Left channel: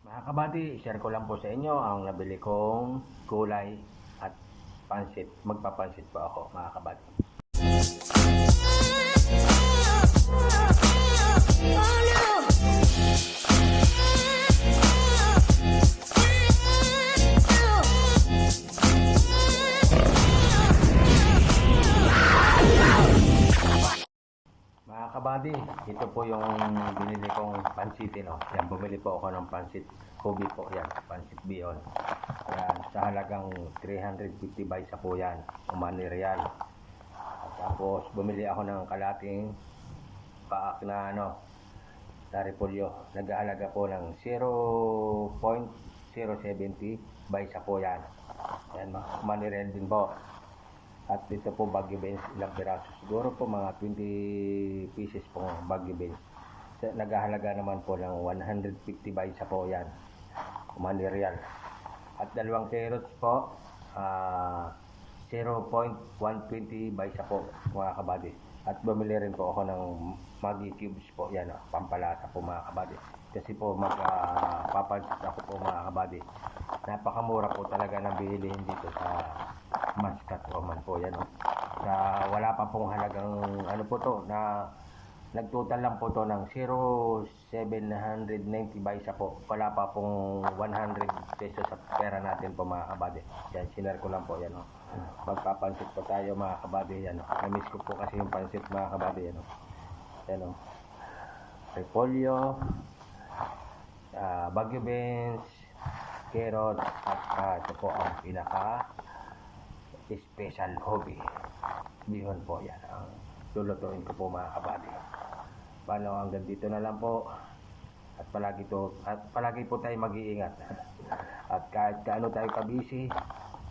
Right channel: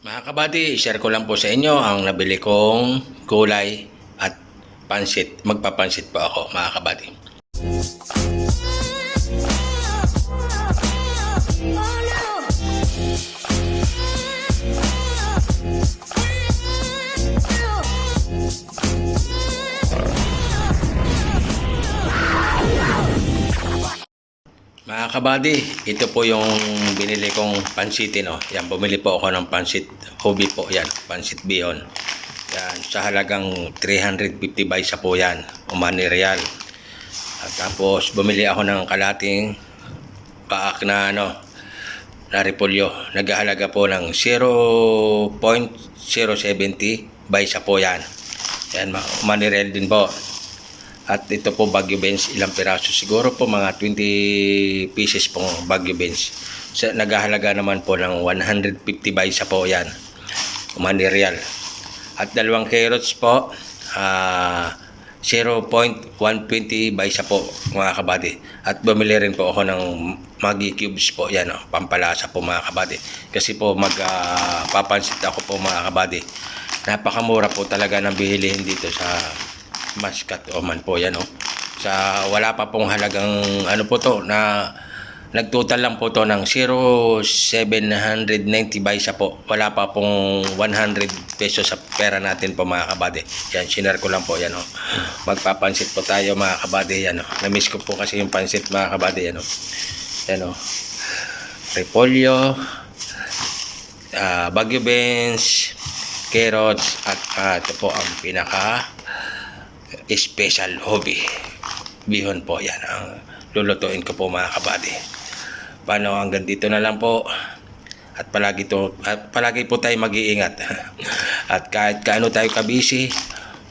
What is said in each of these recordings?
Mga kabady, share ko lang po sa inyo ang nabili kong gulay at pansit. Magpapansit po ako mga kabady. Mga kabady, ito po yung binili kong pansitin. Oh. Yan, bumili po ako ng pansit hobby po. Yan, pansit bihon. Yan, sa halagang 350 by sa po yan. Umani real. At tapos, bumili ako ng kalating paak na ano, na repolyo. Naghahalaga po ng 0.070 by sa po yan. Yan, ma- umani real din po. At ito po Baguio Benz, ilang piraso? Siguro po mga 20 pieces pong Baguio Benz. Sa, naghahalaga naman po ng 150 by sa po yan. Money real. At dalawang carrots po, ah 0.120 by sa po mga kabady. At bumili rin po ako ng Maggi Cubes po, yan o, pampalasa po mga kabady. Kasi po magpapansit ako po mga kabady. Napakamura po talaga ng bilihin dito sa Muscat Oman po yan oh. Sa wala pa pong halagang ano po to na nagtotal lang po to ng 0,790 by sa po. Wala pa pong 100 pesos sa pera natin po mga kabady. Yan, sinare ko lang po yan oh. Magpapansit po tayo mga kabady yan oh. Na-miss ko po kasi yung pansit mga kabady yan oh. Yan oh. Repolyo, ah, Baguio beans, carrots at ah, ito po ang pinaka special hobby. Bihon po yan ang lulutuin ko po mga kabady. Paano hanggang dito na lang po. At palagi to at palagi po tayo mag-iingat. At kahit kaano tayo kabisi,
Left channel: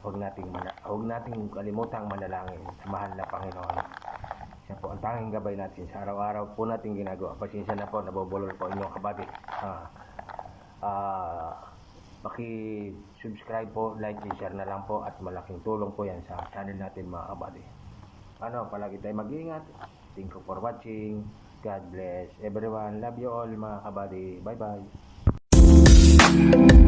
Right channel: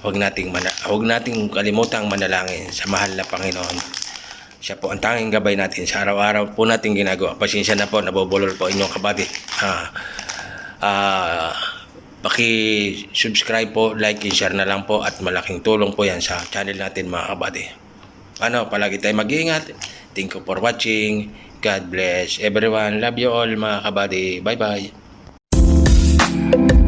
huwag nating mana, huwag nating kalimutang manalangin sa mahal na Panginoon. Siya po ang tanging gabay natin sa araw-araw po natin ginagawa. Pasensya na po, nabobulol po inyong kabady. Ah, ah, Paki-subscribe po, like and share na lang po at malaking tulong po yan sa channel natin mga kabady. Ano, palagi tayo mag-iingat. Thank you for watching. God bless everyone. Love you all mga kabady. Bye-bye.